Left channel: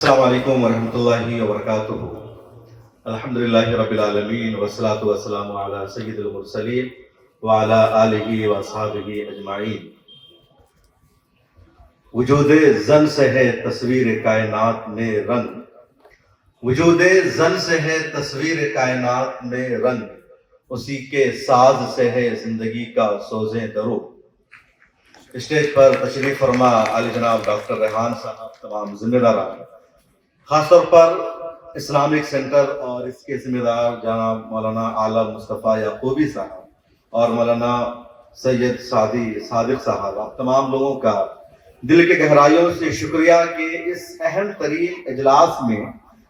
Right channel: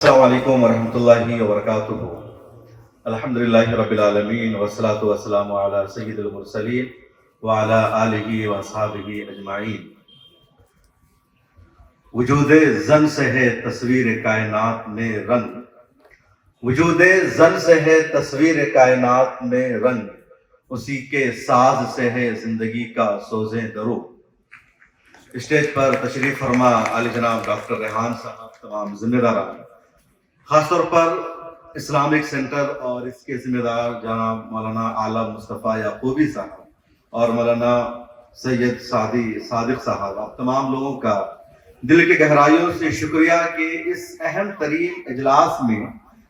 السلام علیکم ورحمۃ اللہ وبرکاتہ۔ الحمدللہ رب العالمین والصلاة والسلام علی سید المرسلین وعلی آلہ واصحابہ اجمعین۔ وجود زن سے ہے تصویر کائنات میں رنگ، وجود زن سے ہے تصویر کائنات میں رنگ، اسی کے ساز سے ہے زندگی کا سوزیں درو۔ اسٹیج پر تشریف فرما عالی جناب ڈاکٹر ریحان صاحب، تمام ذمہ داران، خاص طور پر اسلامک سینٹر اور اس کے ذمہ دار جناب مولانا عالم مصطفیٰ یعقوبی صاحب اور مولانا سید سعدی صادق صاحب، آپ تمام لوگوں کا دل کے گہرائیوں سے شکریہ کہ اس اہم ترین اجلاس میں،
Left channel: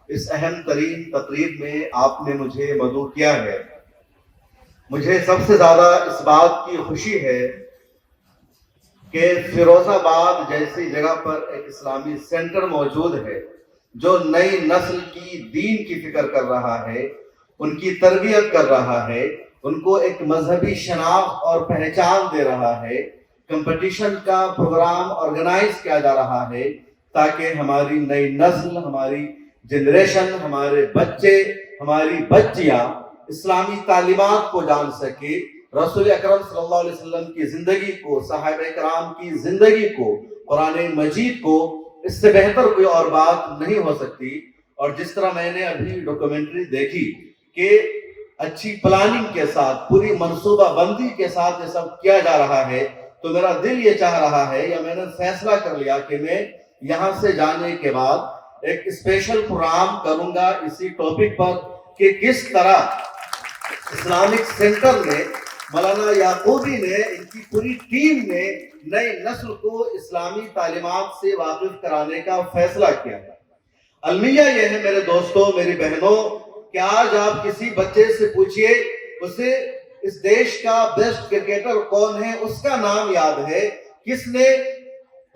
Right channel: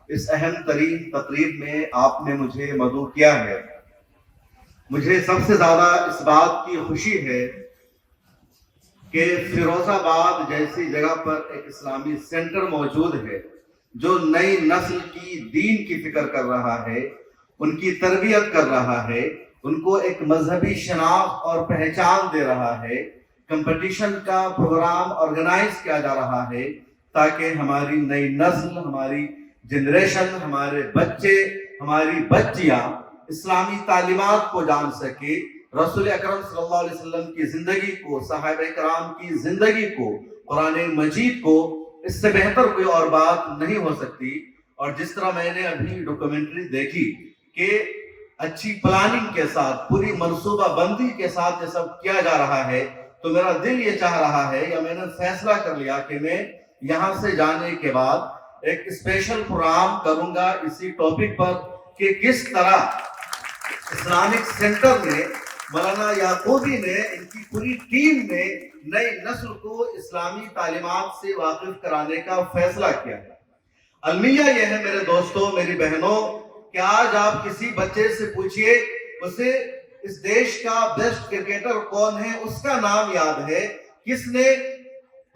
اس اہم ترین تقریب میں آپ نے مجھے مدعو کیا ہے۔ مجھے سب سے زیادہ اس بات کی خوشی ہے کہ فیروز آباد جیسی جگہ پر ایک اسلامی سینٹر موجود ہے جو نئی نسل کی دین کی فکر کر رہا ہے، ان کی تربیت کر رہا ہے، ان کو ایک مذہبی شناخت اور پہچان دے رہا ہے۔ کمپٹیشن کا پروگرام آرگنائز کیا جا رہا ہے تاکہ ہماری نئی نسل، ہماری جنریشن، ہمارے بچے، ہماری بچیاں اسلامی تعلیمات کو جان سکے، رسول اکرم صلی اللہ علیہ وسلم کی زندگی کو، صحابہ کرام کی زندگی کو، قرآن مجید کو، اس سے بہتر کوئی اور بات نہیں ہو سکتی۔ اور جس طرح میں نے ابھی ڈاکومنٹری دیکھی کہ اچھی پلاننگ کے ساتھ، پوری منصوبہ بندی کے ساتھ یہ سب کیا جا رہا ہے، تو میرا دل یہ چاہ رہا ہے، یا میں نے فیصلہ کر لیا کہ میں یہاں سے جانے کے بعد ایک اسپیشل پروگرام کروں گا اسی ٹاپک پر کہ کس طرح اسلامک سینٹر میں مولانا یعقوبی نے، ان کی پوری ٹیم نے نئی نسل کو اسلامی تعلیمات سے واقف کرانے کا فیصلہ کیا ہے۔ المیہ یہ ہے میرے دوستوں، میری بہنوں، کہ آج آپ کسی بچے سے پوچھئے اسے اس دیش کا بیسٹ کرکٹر کون ہے، اس کا نام یاد ہے، کس نے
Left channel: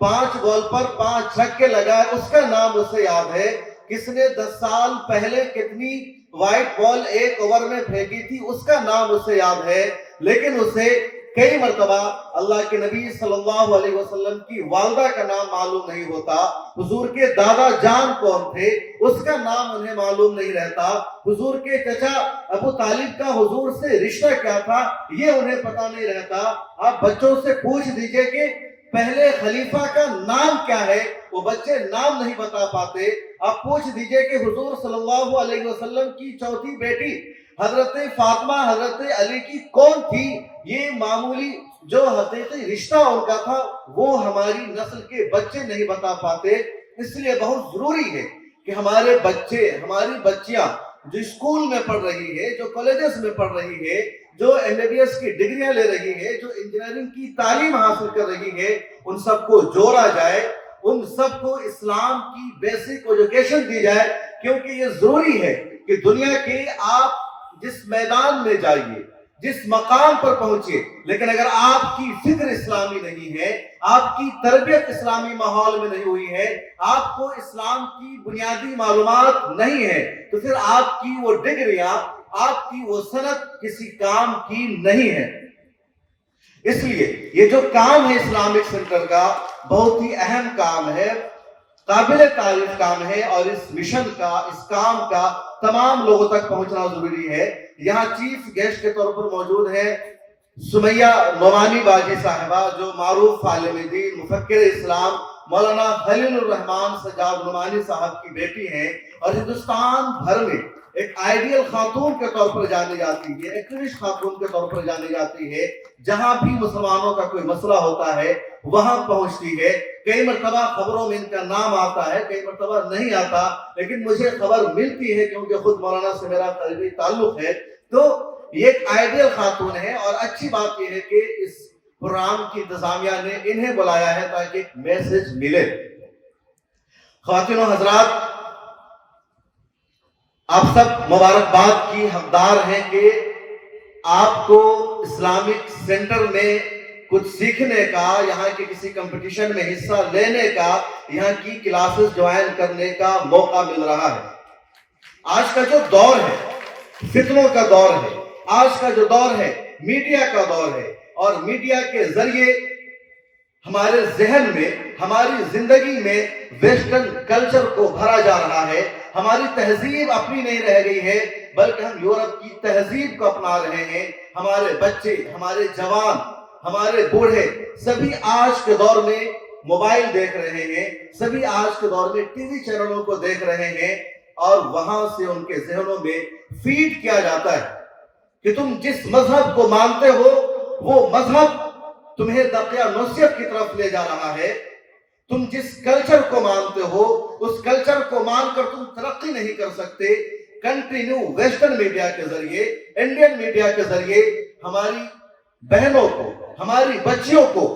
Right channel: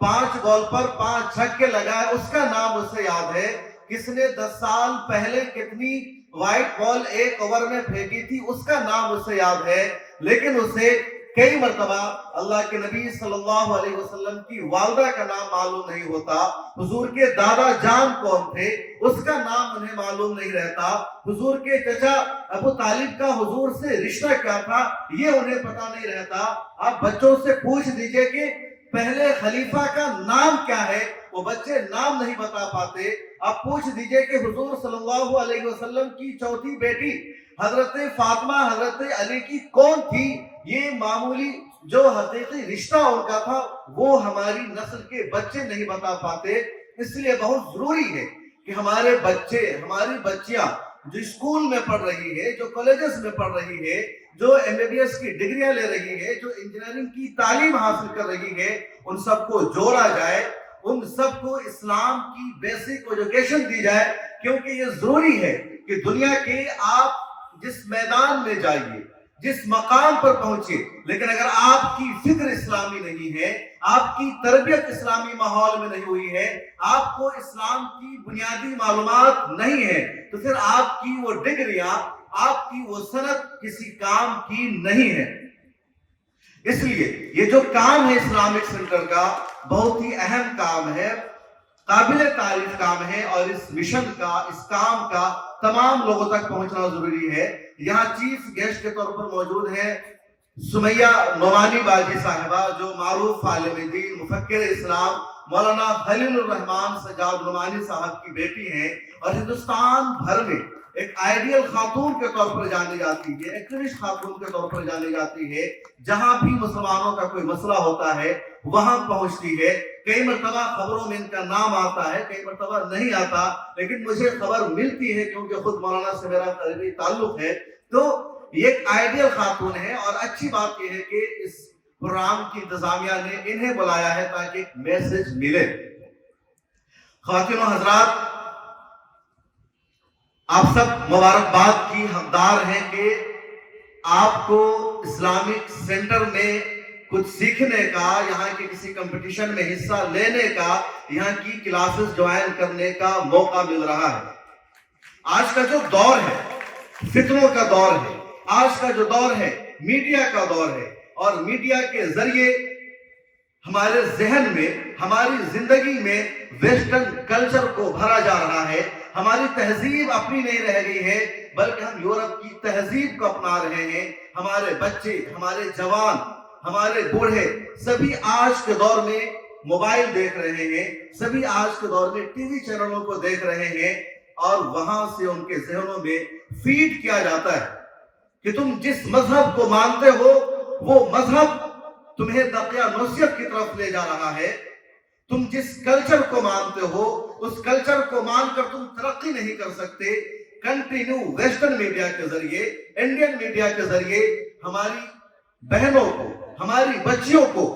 5 بال پر 5 چھکے لگائے اس کا نام اسے یاد ہے، کس نے 10 سال پہلے کتنی وائٹ بال 1 اوور میں پھینکی تھی اس کا نام اسے یاد ہے، لیکن اسے کئی مرتبہ اللہ کے نبی صلی اللہ علیہ وسلم کی والدہ کا نام معلوم نہیں ہوتا، حضور کے دادا جان کون تھے اس کا نام انہیں معلوم نہیں رہتا، حضور کے چچا ابو طالب کا حضور سے رشتہ کیا تھا یہ انہیں پتہ نہیں رہتا۔ آپ بچوں سے پوچھ دیجئے کہ پہلے خلیفہ کا نام کیا ہے، وہ بچے نام نہیں بتا پاتے۔ آپ پوچھ دیجئے کہ حضور صلی اللہ علیہ وسلم کی چوتھی بیٹی حضرت فاطمہ حضرت علی کی کون تھی، یہ معمولی جو حقیقی رشتہ ان کا تھا وہ ہماری نسل کے بچے نہیں بتا پاتے۔ اس لیے بہت ضروری ہے کہ ہمارے بچے، ہماری بچیاں جو اسکول میں پڑھ رہی ہے، جو کالجز میں پڑھ رہی ہے، جو MBBS کی ڈگریاں لے رہی ہے، جو انجینئرنگ کی تعلیم حاصل کر رہی ہے، ان سب کو جوڑا جائے، ان سب کو اسلام کی بیسک ایجوکیشن دی جائے، کیونکہ یہ ضروری ہے کہ دنیا کے آپ جس میدان میں جائیے، جس مقام پر پہنچے، لیکن اگر آپ کی فکر اسلامی نہیں ہے، آپ کی تربیت اسلامی ماحول میں نہیں ہوئی ہے، آپ کو اسلام کی بنیادی معلومات نہیں ہے، تو پھر آپ کی وہ ڈگریاں، آپ کی وہ سند کسی کام کی نہیں ہے۔ اس لیے یہ جو کام ہے اسلامک سینٹر کا بہت ہی اہم کام ہے، قابل تعریف کام ہے، اور اس مشن کا، اس کام کا تمام لوگوں تک پہنچنا ضروری ہے۔ یہاں چیف گیسٹ کے طور پر موجود ہیں سمیہ نعمانی باجی صاحبہ، جو معروف عالم دین، مفکر اسلام مولانا خلیل الرحمن سجاد نعمانی صاحب کی بیٹی ہیں، اور ہندوستان بھر میں ایک آئیڈیل خاتون کے طور پر جانی جاتی ہے، ایکٹیوسٹ خاتون کے طور پر جانی جاتی ہے، جہاں بھی مسلمانوں کا کوئی مسئلہ ہوتا ہے وہاں پہنچتی ہے۔ کئی مرتبہ خبروں میں ان کا نام آتا ہے، کئی مرتبہ نہیں آتا، لیکن مجھے خبر ملتی ہے کیونکہ خود مولانا سے میرا قریبی تعلق ہے۔ تو یہ ایک آئیڈیل خاتون ہے، اور اچھی بات یہ ہے کہ اس پروگرام کی انتظامیہ نے انہیں بلایا ہے تاکہ ایک میسج ملے۔ خواتین و حضرات، آپ سب مبارکباد کی حقدار ہیں کہ آپ کو اسلامک سینٹر میں کچھ سیکھنے کا، یہاں کے کسی کمپٹیشن میں حصہ لینے کا، یہاں کی کلاسز جوائن کرنے کا موقع مل رہا ہے۔ آج کا جو دور ہے فتنوں کا دور ہے، آج کا جو دور ہے میڈیا کا دور ہے، اور میڈیا کے ذریعے ہمارے ذہن میں، ہماری زندگی میں ویسٹرن کلچر کو بھرا جا رہا ہے. ہماری تہذیب اپنی نہیں رہ گئی ہے بلکہ ہم یورپ کی تہذیب کو اپنا رہے ہیں. ہمارے بچے، ہمارے جوان، ہمارے بوڑھے سبھی آج کے دور میں موبائل دیکھ رہے ہیں، سبھی آج کے دور میں ٹی وی چینلوں کو دیکھ رہے ہیں، اور وہاں سے ان کے ذہنوں میں فیڈ کیا جاتا ہے کہ تم جس مذہب کو مانتے ہو وہ مذہب تمہیں دقیانوسیت کی طرف لے جا رہا ہے. تم جس کلچر کو مانتے ہو اس کلچر کو مان کر تم ترقی نہیں کر سکتے. کنٹینیو ویسٹرن میڈیا کے ذریعے، انڈین میڈیا کے ذریعے ہماری بہنوں کو، ہماری بچیوں کو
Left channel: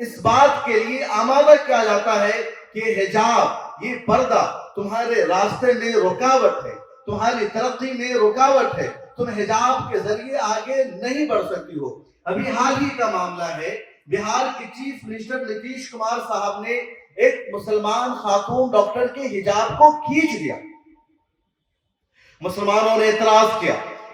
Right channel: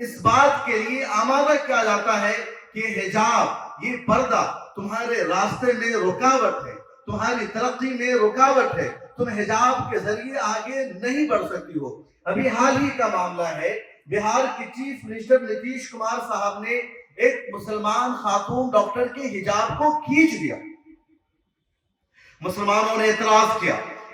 اس بات کے لیے آمادہ کیا جاتا ہے کہ حجاب، یہ پردہ تمہارے راستے میں رکاوٹ ہے، تمہاری ترقی میں رکاوٹ ہے، تم حجاب کے ذریعے آگے نہیں بڑھ سکتی ہو. ابھی حال ہی کا معاملہ ہے، بہار کے چیف منسٹر نتیش کمار صاحب نے ایک مسلمان خاتون ڈاکٹر کے حجاب کو کھینچ دیا. مسلمانوں نے اعتراض کیا،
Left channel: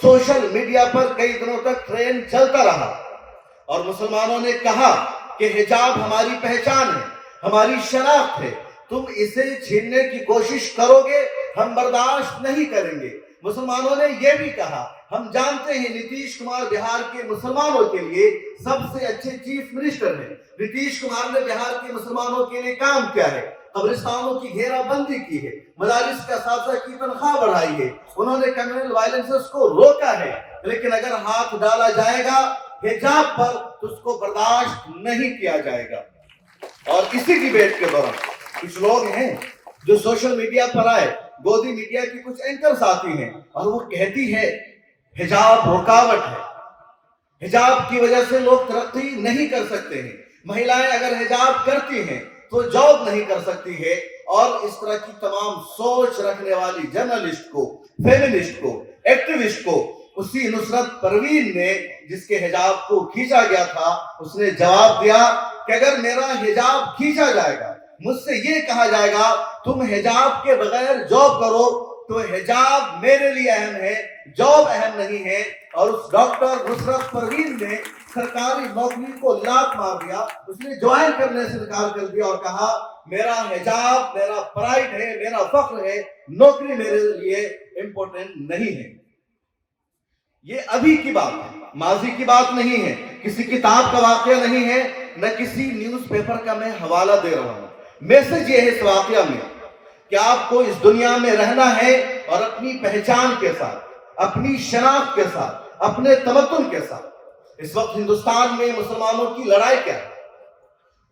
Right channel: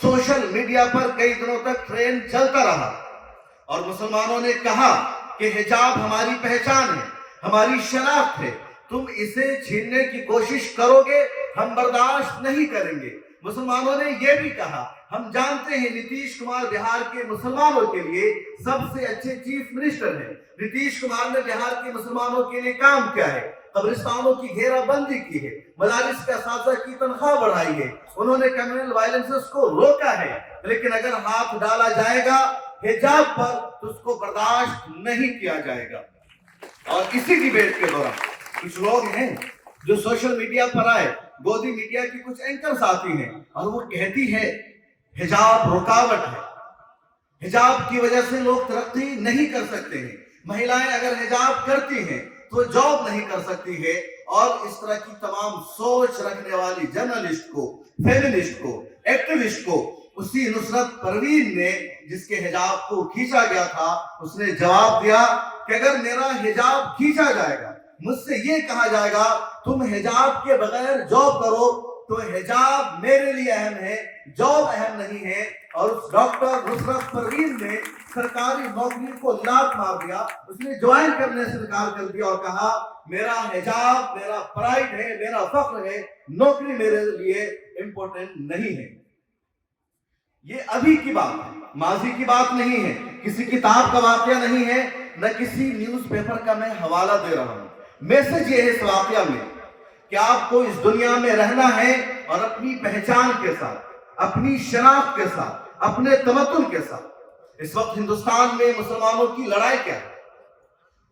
سوشل میڈیا پر کئی دنوں تک ٹرینڈ چلتا رہا، اور مسلمانوں نے کہا کہ حجاب ہماری پہچان ہے، ہماری شناخت ہے، تم اسے چھیننے کی کوشش کرو گے ہم برداشت نہیں کریں گے. مسلمانوں نے یہ بھی کہا، ہم جانتے ہیں نتیش کمار بہار کے مسلمانوں کے لیے سب سے اچھے چیف منسٹر ہیں. نتیش کمار نے بہار کے مسلمانوں کے لیے کام کیا ہے، قبرستانوں کی گھیرا بندی کی ہے، مدارس کے اساتذہ کی تنخواہ بڑھائی ہے، انہوں نے کمیونل وائلنسز کو روکا ہے. لیکن اگر ہاتھ ڈالا جائے گا حجاب پر تو اس کو برداشت نہیں کیا جائے گا. اور اسی ڈیبیٹ کے دوران کچھ لوگ ہیں جو سوشل میڈیا پر آئے، گودی میڈیا کی کچھ اینکرز آتی ہیں اور وہ کہتی ہے حجاب رکاوٹ ہے، حجاب کی وجہ سے لوگ ترقی نہیں کر سکتے ہیں، مہیلائیں اگر حجاب کرتی ہیں تو جاب نہیں کر سکتی ہے. اور اس طرح کی تمام سوچ رکھنے والی جرنلسٹ کو، فیمنسٹ کو، ایکٹیوسٹ کو اسی نصرت پروین نے، جس کے حجاب کو کھینچا گیا تھا، اس نے جواب دیا کہ اگر میرا حجاب کھینچا جائے گا، مجھ سے یہ کہا جائے گا تم حجاب کے بغیر جاب کرو، تو حجاب میرے لیے اہم ہے، جاب اہم نہیں ہے. اور اس ڈاکٹر نصرت پروین نے سرکاری نوکری کو لات مار دیا، اس نے جوائن کرنے سے انکار کر دیا اور کہا میرا حجاب میرا پرائڈ ہے، میرا فخر ہے، نوکری میرے لیے امپورٹنٹ نہیں ہے. یہ ابھی کی بات ہے، ماضی کی بات نہیں ہے، کسی کتاب کا واقعہ نہیں ہے، نہ کسی نیوز پیپر کا میں حوالہ دے رہا ہوں. میسج یہ ہے اس واقعہ میں کہ آپ کو اس دنیا میں رہنا ہے اور اپنی پہچان کے ساتھ، اپنی شناخت کے ساتھ، اپنے تمدن کے ساتھ. اس وقت ہندوستان میں مسلمانوں کی لڑائی کیا ہے؟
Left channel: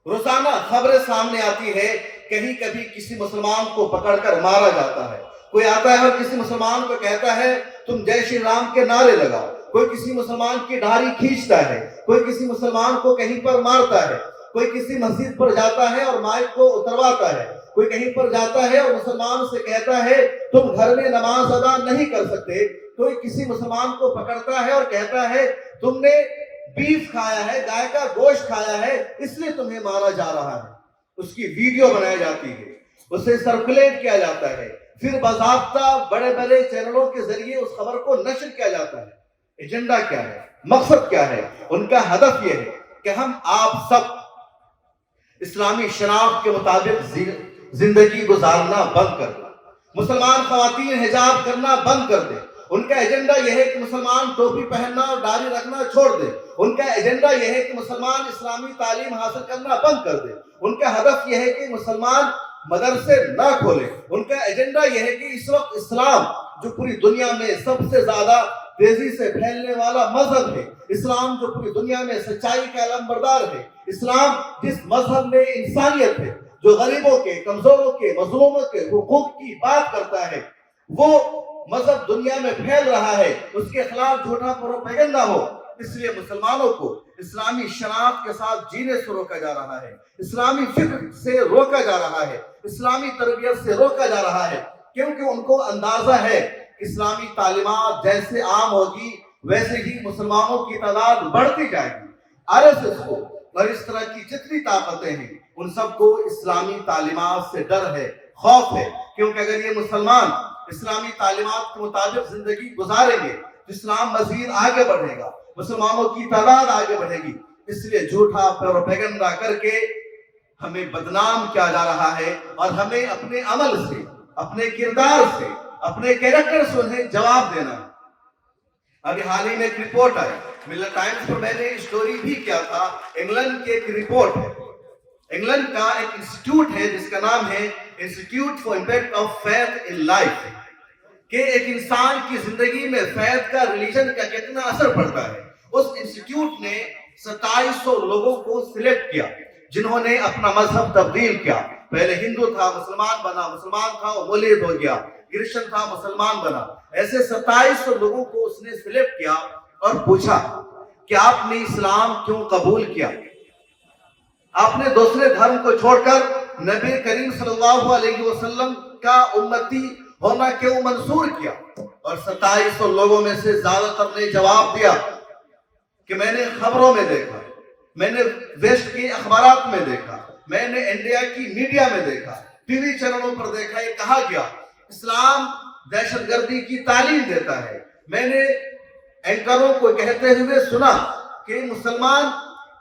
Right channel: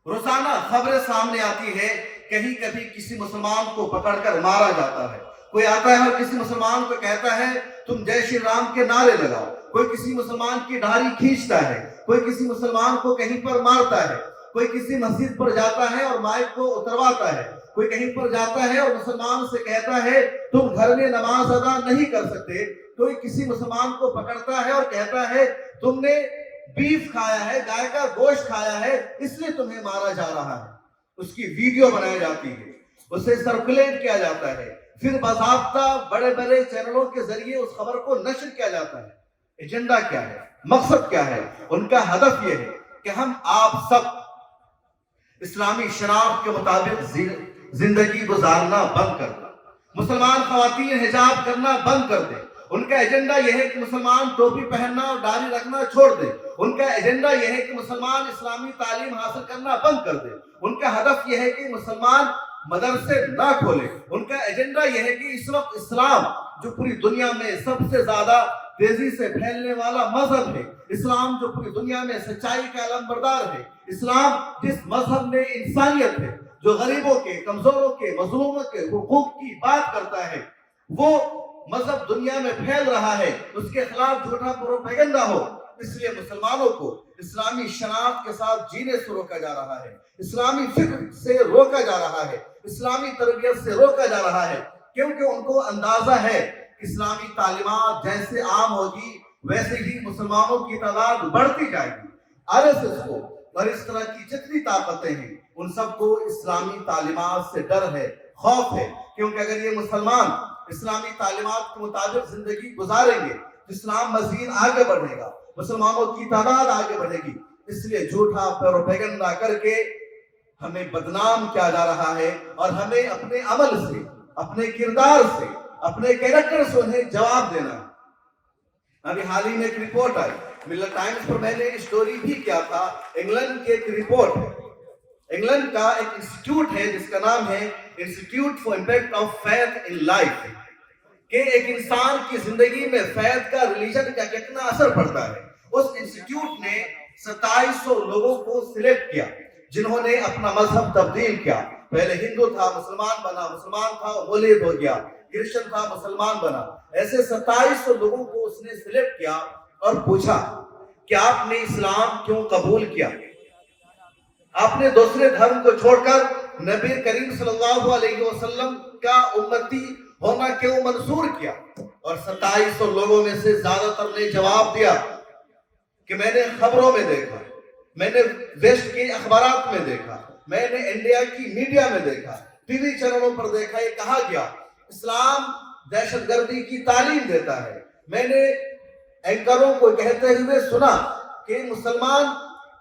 روزانہ خبریں سامنے آتی ہے، کہیں کبھی کسی مسلمان کو پکڑ کر مارا جاتا ہے، کوئی آتا ہے اور کسی مسلمان کو کہتا ہے تم جے شری رام کے نعرے لگاؤ، کوئی کسی مسلمان کی داڑھی کھینچتا ہے، کوئی کسی مسلمان کو کہیں پر مارتا ہے، کوئی کسی مسجد پر جاتا ہے اور مائک کو اترواتا ہے، کوئی کہیں پر جاتا ہے اور مسلمان سے کہتا ہے تم گھر میں نماز ادا نہیں کر سکتے، کوئی کسی مسلمان کو پکڑتا ہے اور کہتا ہے تم نے بیف کھایا ہے، گائے کا گوشت کھایا ہے، اس لیے تمہیں مارا جا رہا ہے. اس کی ویڈیو بنائی جاتی ہے، اسے سرکولیٹ کیا جاتا ہے، پھر باضابطہ بڑے بڑے چینلوں کے ذریعے اس خبر کو نشر کیا جاتا ہے. ایجنڈا کیا ہے، مقصد کیا ہے؟ ان کا ہدف یہ ہے کہ ہم آپ سب اسلامی شناخت کے مطابق زندگی گزارنا بند کر دیں، مسلمان خواتین حجاب کرنا بند کر دیں. ان کا ایجنڈا یہ ہے کہ مسلمان ٹوپی پہننا اور داڑھی رکھنا چھوڑ دے. ان کا ایجنڈا یہ ہے کہ مسلمان اسلامی تعلیم حاصل کرنا بند کر دے. ان کا ہدف یہ ہے کہ مسلمان مدرسے نہ کھولے. ان کا ایجنڈا یہ ہے کہ اس وقت اسلام جو پوری دنیا میں سب سے زیادہ تیزی سے پھیلنے والا مذہب ہے، اسلام جو پوری دنیا میں سچائی کا علمبردار ہے، اسلام جس مذہب میں انسانیت ہے، جو غریبوں کے، کمزوروں کے، مظلوموں کے حقوق کی بات کرتا ہے، وہ مذہب دنیا میں پھیل رہا ہے، اس کے خلاف جھوٹا پروپیگنڈا ہو. اس لیے مسلمانوں کو اسلامی شناخت کے ساتھ جینے سے روکا جا رہا ہے، اسلامی فکر سے روکا جا رہا ہے، اسلامی تربیت سے روکا جا رہا ہے، کیونکہ ان کو اندازہ ہے اسلامی تعلیمات جیسے عام ہوگی ویسے ہی مسلمانوں کی تعداد بڑھتی جائے گی. RSS کو اور اس طرح کی جتنی طاقتیں ہیں ان سب کو اسلامی تعلیمات سے ڈر ہے، خوف ہے، کیونکہ اگر یہ مسلمان اسلامی تعلیمات کے مطابق زندگی گزاریں گے تو اسلام مزید آگے بڑھے گا، مسلمانوں کی تعداد آگے بڑھے گی. اس لیے جھوٹا پروپیگنڈا کر کے ہمیں بدنام کیا جا رہا ہے اور ہمیں اپنے عمل سے، اپنے کردار سے، اپنے کیریکٹر سے انہیں جواب دینا ہے۔ ابھی حال ہی میں ایک رپورٹ آئی، ملر ٹائمز پر میں نے اسٹوری بھی کیا تھا، انگلینڈ کی ایک رپورٹ ہے، انگلینڈ کا ایک انسٹیٹیوٹ ہے جس کا نام ہے institute for impact of faith in life, کہ ایک انسان کی زندگی میں فیتھ کا، ریلیجن کا کتنا اثر پڑتا ہے۔ اس انسٹیٹیوٹ نے 2700 لوگوں کو سلیکٹ کیا جنہوں نے اپنا مذہب تبدیل کیا، پہلے ہندو تھا مسلمان بنا، مسلمان تھا وہ مولد ہو گیا، کرسچن تھا مسلمان بنا، ایسے 2700 لوگوں کو اس نے سلیکٹ کیا اور پوچھا کہ آپ نے اسلام کیوں قبول کیا، آپ نے دوسرے دھرم کو چھوڑ کر نبی کریم صلی اللہ علیہ وسلم کا امتی ہونا کیوں منظور کیا؟ اور 2700 لوگوں میں سے زیادہ تر نے جواب دیا کہ میں نے خبروں میں دیکھا، میں نے ویسٹ کی اخبارات میں دیکھا، میں نے انڈیا کی میڈیا میں دیکھا، ٹی وی چینلوں پر دیکھا، یہ کہا گیا اسلام دہشت گردی کی تعلیم دیتا ہے، میں نے اینکروں کو کہتے ہوئے سنا کہ مسلمان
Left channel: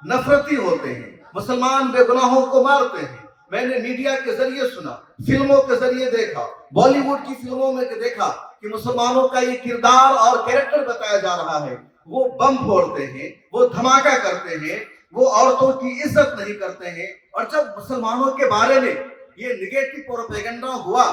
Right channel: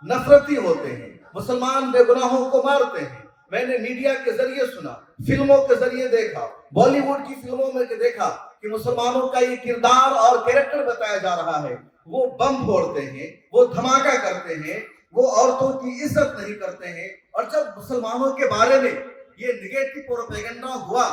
نفرتی ہوتے ہیں، مسلمان بے گناہوں کو مارتے ہیں، میں نے میڈیا کے ذریعے سنا، فلموں کے ذریعے دیکھا، بالی ووڈ کی فلموں میں دیکھا کہ مسلمانوں کا یہ کردار اور کیریکٹر بتایا جا رہا ہے، وہ بم پھوڑتے ہیں، وہ دھماکہ کرتے ہیں، وہ عورتوں کی عزت نہیں کرتے ہیں۔ اور جب مسلمانوں کے بارے میں یہ نگیٹو پروپیگنڈا ہوا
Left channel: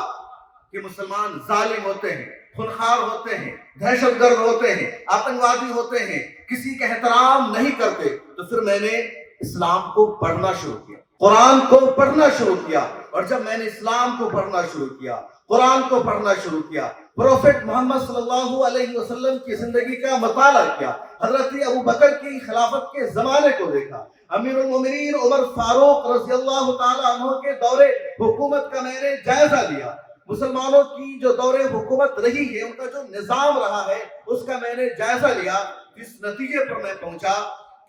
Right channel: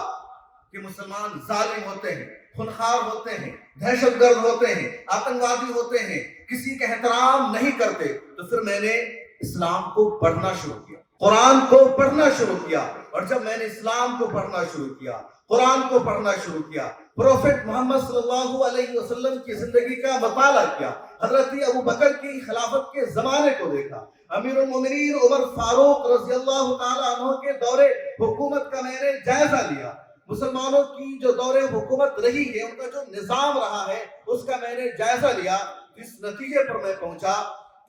کہ مسلمان ظالم ہوتے ہیں، خونخوار ہوتے ہیں، دہشت گرد ہوتے ہیں، آتنکوادی ہوتے ہیں، کسی کا احترام نہیں کرتے، تو پھر میں نے اسلام کو پڑھنا شروع کیا، قرآن کو پڑھنا شروع کیا، اور جب میں نے اسلام کو پڑھنا شروع کیا، قرآن کو پڑھنا شروع کیا، پروفیٹ محمد صلی اللہ علیہ وسلم کی زندگی کا مطالعہ کیا، حضرت ابو بکر کی خلافت کے زمانے کو دیکھا، امیر المومنین عمر فاروق رضی اللہ تعالیٰ عنہ کے دور حکومت کا میں نے جائزہ لیا، مسلمانوں کی جو دور حکومت رہی ہے، ان کا جو نظام رہا ہے، اس کا میں نے جائزہ لیا، اس نتیجے پر میں پہنچا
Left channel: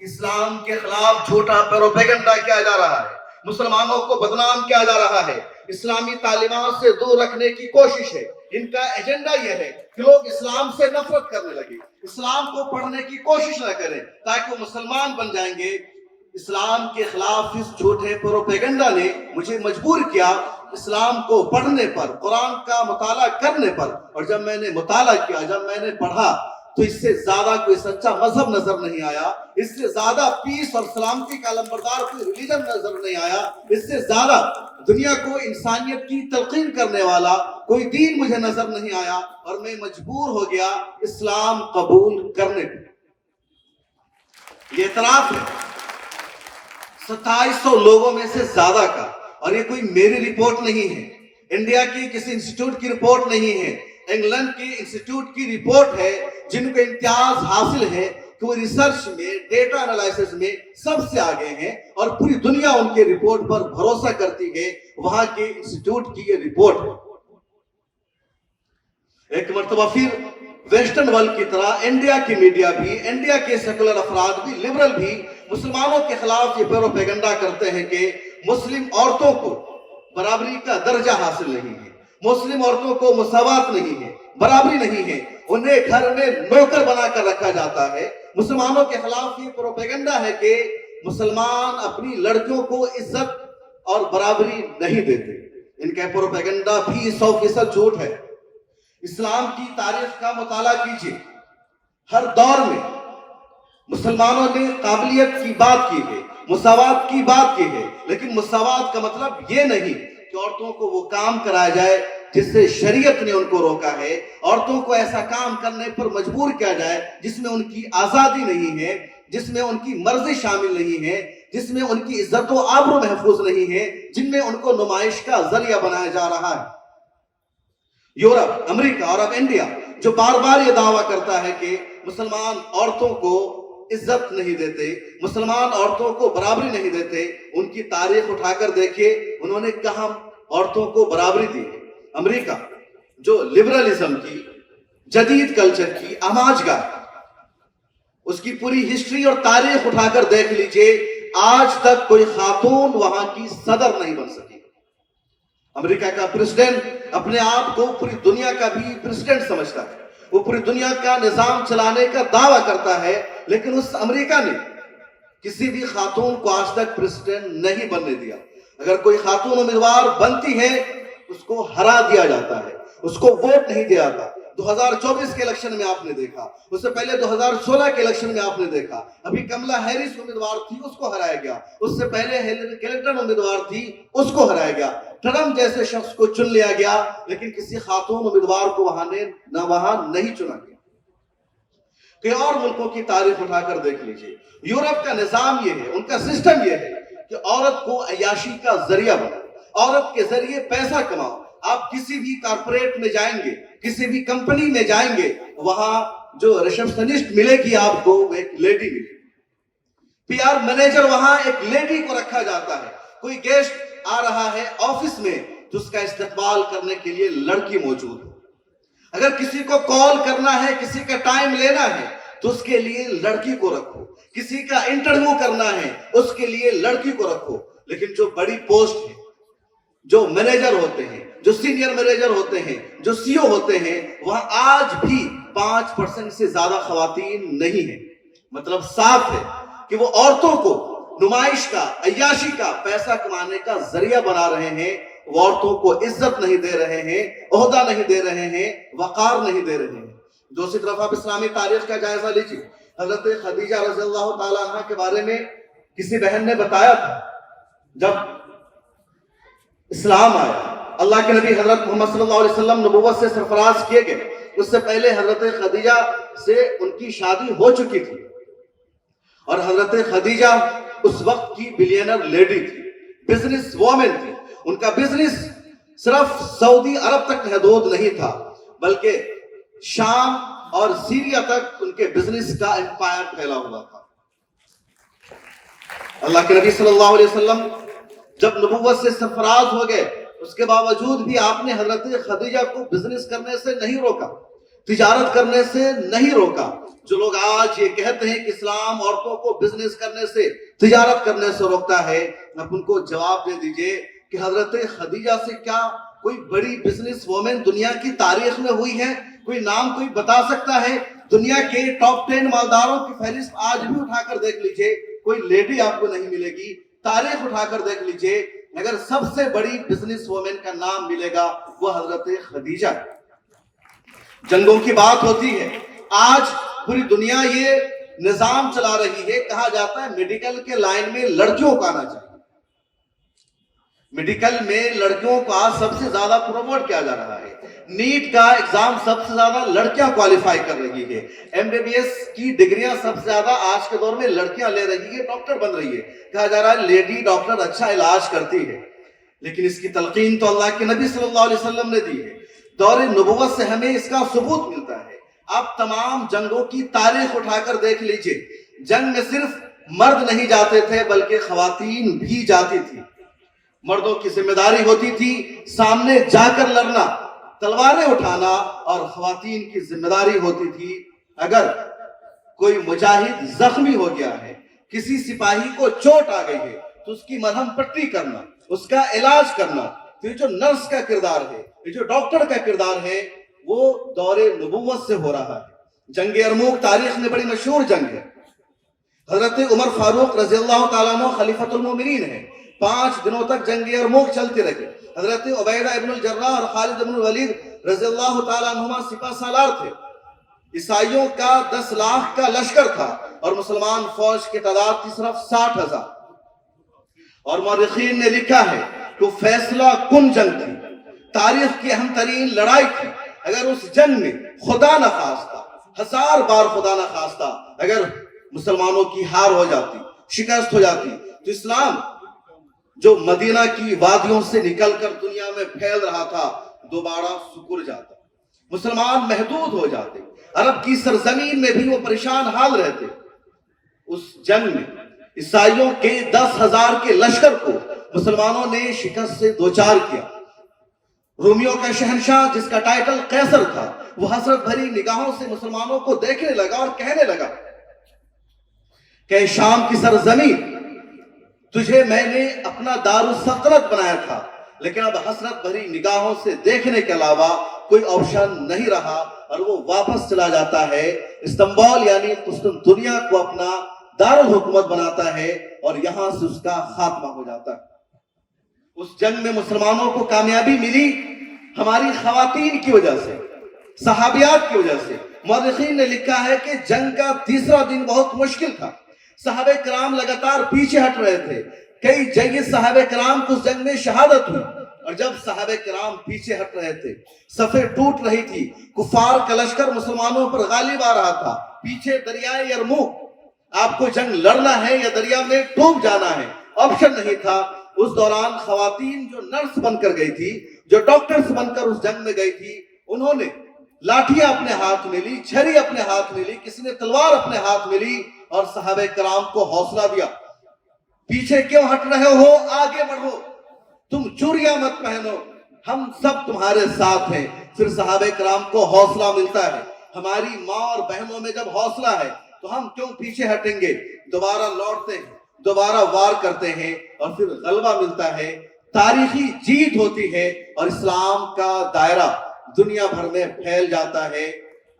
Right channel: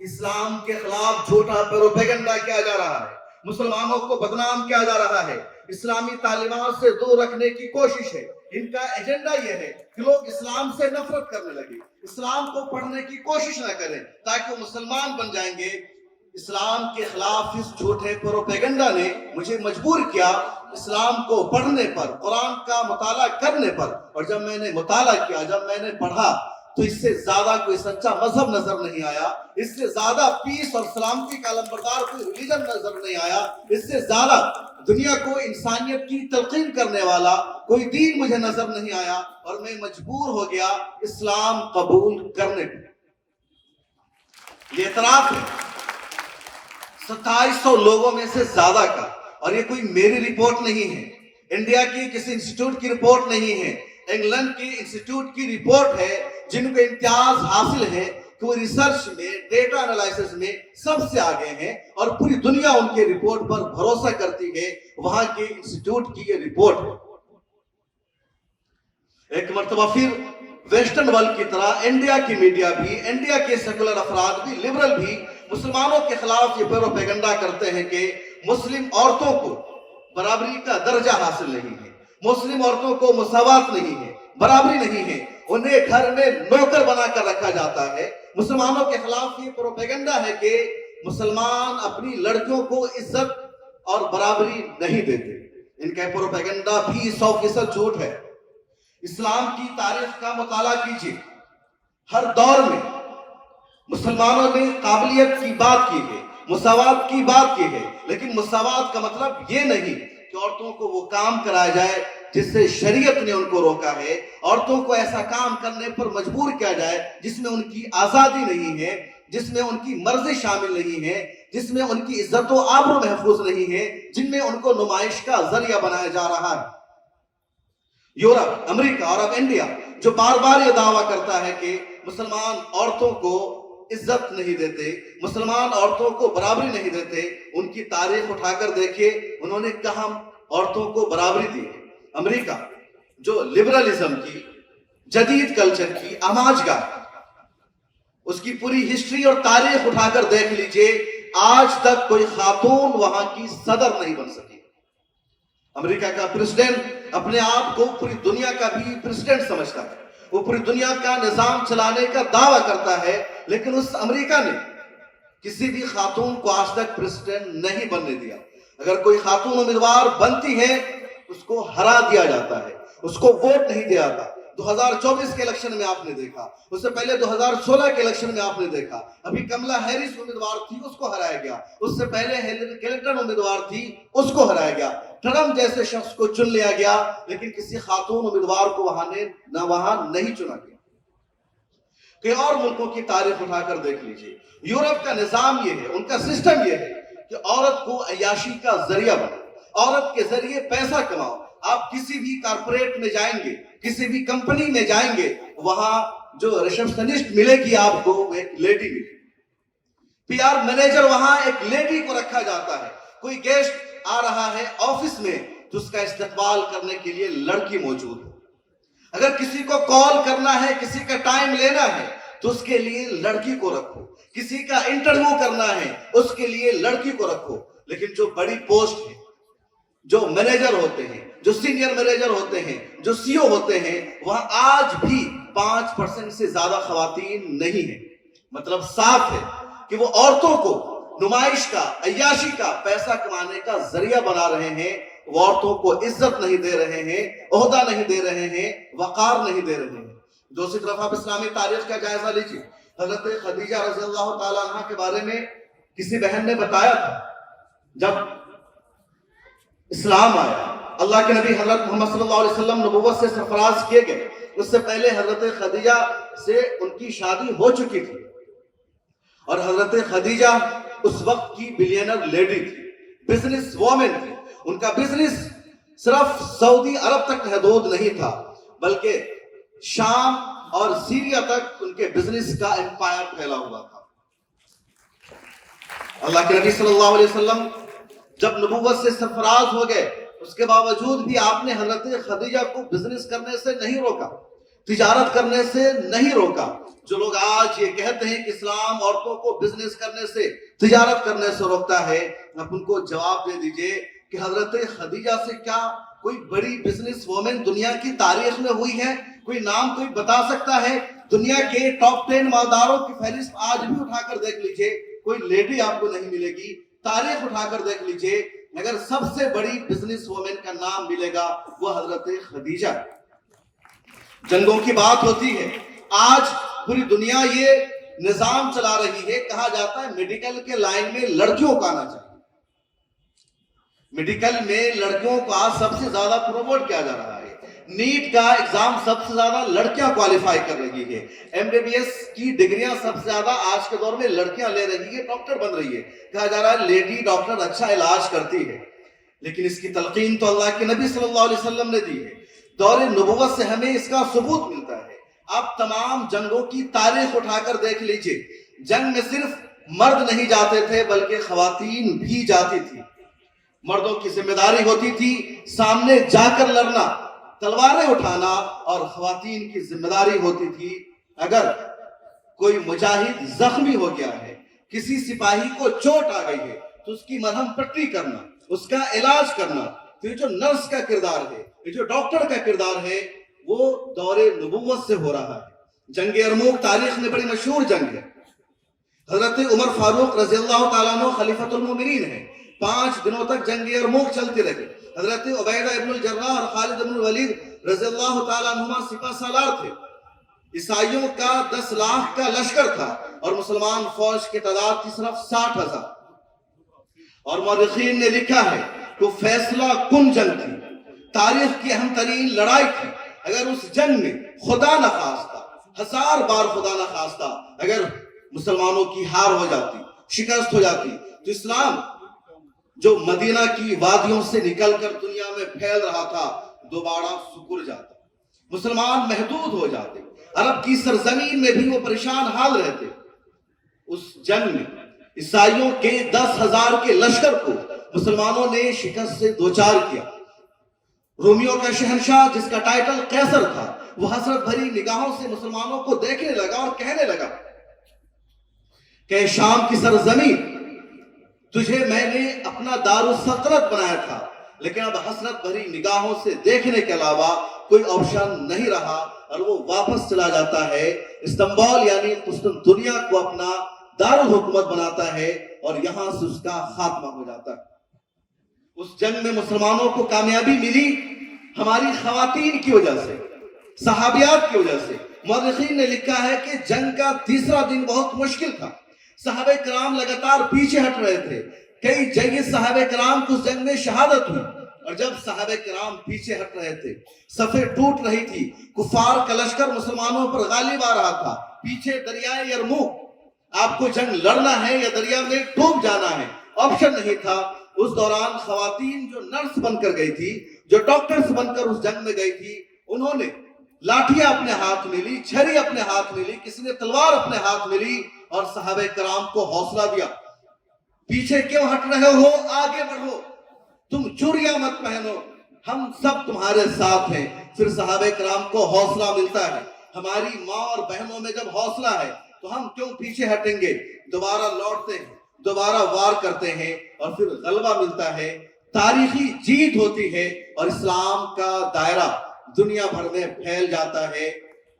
اسلام کے خلاف جھوٹا پروپیگنڈا کیا جا رہا ہے، مسلمانوں کو بدنام کیا جا رہا ہے، اسلامی تعلیمات سے دور رکھنے کی کوشش ہے۔ ان کا ایجنڈا یہ ہے کہ لوگ اسلام سے نفرت کرنے لگے، اسلام کو پڑھنے کی کوشش نہ کریں تاکہ وہ مسلمان بن جائیں گے۔ اسلام کے خلاف اس جھوٹے پروپیگنڈا نے مجھے مجبور کیا اسلام کو پڑھنے پر، قرآن کا مطالعہ کرنے پر، اور جب میں نے مطالعہ کیا، جب میں نے پڑھا، تو اس سے زیادہ کوئی سچا مذہب نظر نہیں آیا، اس سے زیادہ پیس اور سلامتی کا علمبردار کوئی ریلیجن نظر نہیں آیا، اس سے زیادہ دنیا کو انسانیت کی تلقین کرنے والا کوئی دین مجھے نظر نہیں آیا، اور میں مجبور ہو گیا اسلام قبول کرنے پر۔ یہ اعتراف ہے 2700 لوگوں میں سے زیادہ کا، اور یہ کوئی میری رپورٹ نہیں ہے، انڈیا کی کسی انسٹیٹیوٹ کی رپورٹ نہیں ہے، انگلینڈ کی انسٹیٹیوٹ کی رپورٹ ہے، جن کو امتیاز حاصل ہے کہ وہ ریسرچ میں، ڈیٹا انالائسس میں سب سے آگے ہیں، اور پوری دنیا ان کے رپورٹ پر بھروسہ کرتی ہے، وہاں کے انسٹیٹیوٹ کی یہ رپورٹ ہے۔ ایک مرتبہ پھر ویسٹرن ورلڈ کی طرح انڈیا کی میڈیا بھی، انڈیا کے سیکولر افراد بھی، لبرل بھی مسلمانوں کے خلاف یہ پروپیگنڈا کرتے ہیں کہ مسلم عورتوں کو برابری کا درجہ حاصل نہیں ہے، مسلم عورتوں کو مساوات نہیں ہے، برابری نہیں ہے، انہیں گھر میں نوکر بنا کر رکھا جاتا ہے۔ مسلمانوں کے خلاف یہ پروپیگنڈا ہے کہ مسلمان اپنی لڑکیوں کو عزت اور برابری نہیں دیتے۔ ان کا پروپیگنڈا بھی 100% جھوٹ ہے۔ اسلام کی تاریخ کا مطالعہ کیجیے، ہر دور میں مسلمانوں نے قابلیت کی بات کی ہے، مساوات کی بات کی ہے، لیکن مساوات کا مطلب یہ نہیں کہ عورتوں کو وہ کام کرایا جائے جس سے شریعت نے ان کو روکا ہے، عورتوں کو ایسا کام کرنے پر مجبور کیا جائے جس میں ان کی آزادی نہیں ہے، جس میں ان کی مرضی شامل نہیں ہے، جس میں ان کی عزت و آبرو محفوظ نہیں ہے، جن میں ان کو نمائش کا ذریعہ بنایا جا رہا ہے۔ یورپ، امریکہ اور اب انڈیا جو بار بار یہ دعویٰ کرتا ہے کہ مسلمان عورتوں کو عزت نہیں دیتے، مسلمان عورتوں کو برابری نہیں دیتے، ان کی تاریخ اٹھا کر دیکھیے، انہوں نے کہاں عورتوں کو برابری دی۔ امریکہ جو لبرلزم کی، جدید کلچر کی آماج گاہ، اس کی پوری ہسٹری اور تاریخ اٹھا کر دیکھ لیجئے، آج تک کوئی خاتون وہاں کی صدر نہیں بن سکی۔ امریکہ کا پریزیڈنٹ اپنے آپ کو پوری دنیا کا بھی پریزیڈنٹ سمجھتا ہے، وہ پوری دنیا کا نظام چلانے کا دعویٰ کرتا ہے، لیکن اس امریکہ نے کسی بھی خاتون کو آج تک پریزیڈنٹ نہیں بننے دیا. اگر کوئی خاتون امیدوار بنتی ہے اس کو ہرا دیا جاتا ہے, اس کو ووٹ نہیں دیا جاتا. 2024 کے الیکشن میں آپ نے دیکھا, اس سے پہلے 2016 کے الیکشن میں آپ نے دیکھا, ابھی کملا ہیرس امیدوار تھی اس کو ہرایا گیا, اس سے پہلے ہیلری کلنٹن امیدوار تھی اس کو ہرایا گیا, ٹرمپ جیسے شخص کو چن لیا گیا, لیکن کسی خاتون امیدوار کو وہاں نہیں چنا گیا. کئی اور ملکوں کی تاریخ اٹھا کر دیکھ لیجئے. یورپ کا نظام یہ ہے, ان کا سسٹم یہ ہے کہ عورت کو عیاشی کا ذریعہ بناؤ, عورت کے ذریعے پیسہ کماؤ. آپ کسی بھی کارپوریٹ میں جائیں گے, کسی بھی کمپنی میں جائیں گے, وہاں جو ریسپشنسٹ ملے گی آپ کو وہ ایک لیڈی ملے گی. پی آر مینیجر وہاں ایک لیڈی کو رکھا جاتا ہے. کوئی گیسٹ آ رہا ہے آفس میں تو اس کا استقبال کرنے کے لیے لڑکی موجود ہے. اگر کسی کو کال کرنا ہے, کسی کا ٹائم لینا ہے تو اس کے لیے لڑکی کو رکھو. کسی کا انٹرویو کرنا ہے اس کے لیے لڑکی کو رکھو. لیکن جو بڑی پوسٹ ہے, جو مینیجر ہوتے ہیں, جو سینئر مینیجر ہوتے ہیں, جو سی او ہوتے ہیں, وہاں آج بھی 5% سے زیادہ خواتین نہیں ہیں. مطلب صاف ہے کہ وہ عورتوں کو نمائش کا, عیاشی کا, پیسہ کمانے کا ذریعہ بنا رہے ہیں. وہ عورتوں کو عزت نہیں دے رہے ہیں, عہدہ نہیں دے رہے ہیں, وقار نہیں دے رہے ہیں. دوسری طرف آپ اسلامی تاریخ کا جائزہ لیجیے. حضرت خدیجہ رضی اللہ تعالیٰ عنہ کے بارے میں کسی بہن نے بتایا تھا, جب اسلام آیا, اللہ کے نبی حضرت محمد صلی اللہ علیہ وسلم نبوت سے سرفراز کیے گئے, اس سے پہلے حضرت خدیجہ سے ان کی شادی ہو چکی تھی, اور حضرت خدیجہ اس وقت کی بلینر لیڈی تھی, بزنس وومن تھی. ان کا بزنس صرف سعودی عرب تک محدود نہیں تھا, بلکہ شام اور سیریا تک ان کے بزنس کا امپائر پھیلا ہوا تھا. اللہ کے نبی صلی اللہ علیہ وسلم جب نبوت سے سرفراز ہو گئے, اس کے باوجود بھی آپ نے حضرت خدیجہ کو بزنس کرنے سے نہیں روکا, تجارت کرنے سے نہیں روکا. جو لوگ آج یہ کہتے ہیں کہ اسلام عورتوں کو بزنس کرنے سے, تجارت کرنے سے روکتا ہے, آپ ان کو جواب دے دیجئے کہ حضرت خدیجہ سے کیا کوئی بڑی بزنس وومن دنیا کی تاریخ میں ہوئی ہے؟ کوئی نام کوئی بتا سکتا ہے؟ دنیا کے ٹاپ 10 مالداروں کی فہرست آج بھی اٹھا کر دیکھ لیجئے, کوئی لیڈی آپ کو نہیں ملے گی. تاریخ اٹھا کر دیکھ لیجئے, اگر سب سے بڑی بزنس وومن کا نام ملے گا وہ حضرت خدیجہ. جنگوں کی بات ہوتی ہے, آج پوری دنیا یہ نظام چلا رہی ہے, کہا جاتا ہے میڈیکل کے لائن میں لڑکیوں کو آنا چاہیے. میڈیکل میں لڑکیوں کو آج سب سے زیادہ پروموٹ کیا جا رہا ہے. نیٹ کا ایگزام سب سے زیادہ لڑکیاں کوالیفائی کر رہی ہے. ایم بی بی ایس کی ڈگریاں سب سے زیادہ آج کے دور میں لڑکیاں لے رہی ہے, ڈاکٹر بن رہی ہے. کہا جا رہا ہے لیڈی ڈاکٹر اچھا علاج کرتی ہے, لیکن اس کی تلقین تو اللہ کے نبی صلی اللہ علیہ وسلم نے دی ہے. دور نبوت سے ہمیں اس کا ثبوت ملتا ہے. آپ تمام جنگوں کی تاریخ اٹھا کر دیکھ لیجئے, جنگ میں صرف مرد نہیں جاتے تھے بلکہ خواتین بھی جاتی تھی. مردوں کی ذمہ داری ہوتی تھی سامنے جا کر لڑنا, تلواریں اٹھانا, اور خواتین کی ذمہ داری ہوتی تھی اگر کوئی مجاہد زخمی ہو گیا ہے, کسی سپاہی کو چوٹ آ گئی ہے تو اس کی مرہم پٹی کرنا, اس کا علاج کرنا. تو یہ جو نرس کا کردار ہے, یہ جو ڈاکٹر کا کردار ہے, وہ دور نبوت سے ہو رہا ہے. جنگ یرموک تاریخ میں بڑی مشہور جنگ ہے. حضرت عمر فاروق رضی اللہ تعالیٰ عنہ خلیفۃ المومنین ہے. 5 دنوں تک جنگ یرموک چلتی رہی. حضرت عبیدہ ابن الجراح اور خالد ابن الولید رضی اللہ تعالیٰ عنہما سپہ سالار تھے. عیسائیوں کا 10 لاکھ کا لشکر تھا اور مسلمان فوج کی تعداد تھی صرف 60,000. اور مورخین نے لکھا ہے کہ فیصلہ کن جنگ تھی, تاریخ کی اہم ترین لڑائی تھی. اگر اس جنگ میں خدا نخواستہ, 1000 بار خدا نخواستہ, اگر مسلمانوں کی ہار ہو جاتی, شکست ہو جاتی, تو اسلام جو مدینہ کی وادیوں سے نکل کر دنیا میں پھیل رہا تھا دوبارہ سکڑ جاتا, مسلمان محدود ہو جاتے, عرب کی سرزمین میں بھی وہ پریشان حال رہتے. اس جنگ میں عیسائیوں کے 10,000 کے لشکر کو مسلمانوں نے شکست سے دوچار کیا. رومیوں کا شہنشاہ جس کا ٹائٹل قیصر تھا, وہ حسرت بھری نگاہوں سے مسلمانوں کو دیکھنے لگا اور کہنے لگا کہ شام کی سرزمین, تجھے میں نے اپنا دارالسلطنت بنایا تھا, لیکن اب حسرت بھری نگاہوں سے دیکھنے کے علاوہ کوئی آپشن نہیں رہا, اور وہ واپس چلا جاتا ہے. استنبول یعنی قسطنطنیہ کو اپنا دارالحکومت بناتا ہے اور یہاں سے اس کا خاتمہ ہو جاتا ہے۔ اس جنگ میں مسلمانوں کو کامیابی ملی ہماری خواتین کی وجہ سے، صحابیات کی وجہ سے۔ مورخین نے لکھا ہے کہ جنگ کا تیسرا دن بہت مشکل تھا، صحابہ کرام لگاتار پیچھے ہٹ رہے تھے، کئی جنگی صحابہ کرام کو اس جنگ میں شہادت ہوئی، اور جب صحابہ کرام پیچھے ہٹ رہے تھے، صفیں ٹوٹ رہی تھی، کفار کا لشکر مسلمانوں پر غالب آ رہا تھا، پیچھے دریائے یرموک، آپ کو جنگ لڑنا ہے یا دریا میں ڈوب جانا ہے، آپشن نہیں تھا۔ اس دوران خواتین جو نرس بن کر گئی تھی، جو ڈاکٹرز بن کر اس جنگ میں گئی تھی، انہوں نے لاٹھیاں اپنے ہاتھ میں لی، چھری اپنے ہاتھ میں لی، کسی نے تلوار اپنے ہاتھ میں لی، اور صحابہ کرام کو حوصلہ دیا، پیچھے کیوں ہٹ رہے ہو، آگے بڑھو، تم چوریاں مت پہنو، ہم سب تمہارے ساتھ ہیں۔ پھر صحابہ کرام کو حوصلہ ملتا ہے۔ ہماری ماں اور بہنوں میں جب حوصلہ ہے تو ہم کیوں پیچھے ہٹیں گے، دوبارہ لوٹتے ہیں، دوبارہ وار کرتے ہیں، اور پھر غلبہ ملتا ہے، تاریخی جیت ہوتی ہے، اور اسلام کا دائرہ دنیا بھر میں پھیل جاتا ہے۔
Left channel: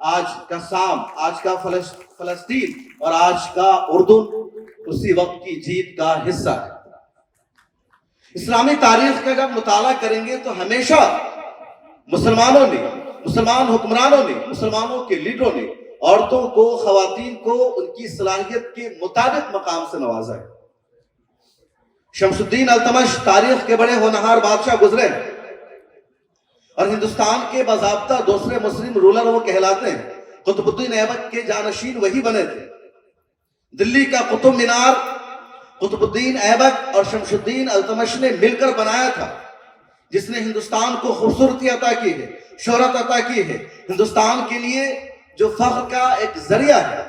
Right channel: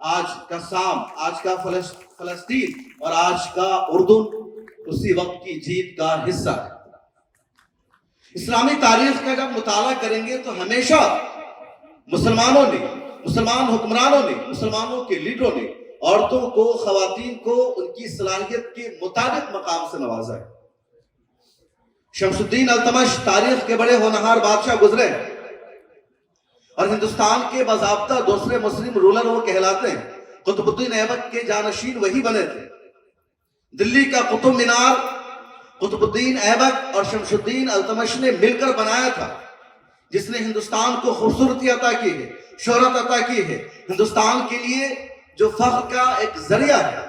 آج کا شام، آج کا فلسطین اور آج کا اردن اسی وقت کی جیت کا حصہ ہے۔ اسلامی تاریخ کا جب مطالعہ کریں گے تو ہمیشہ مسلمانوں نے، مسلمان حکمرانوں نے، مسلمانوں کے لیڈروں نے عورتوں کو، خواتین کو ان کی صلاحیت کے مطابق مقام سے نوازا ہے۔ شمس الدین التمش تاریخ کے بڑے ہونہار بادشاہ گزرے، اور ہندوستان کے باضابطہ دوسرے مسلم رولر وہ کہلاتے ہیں۔ قطب الدین ایبک کے جانشین وہی بنے تھے۔ دلی کا قطب مینار قطب الدین ایبک اور شمس الدین التمش نے مل کر بنایا تھا، جس نے ہندوستان کو خوبصورتی عطا کی ہے، شہرت عطا کی ہے، ہندوستان کے لیے جو فخر کا ایک ذریعہ ہے۔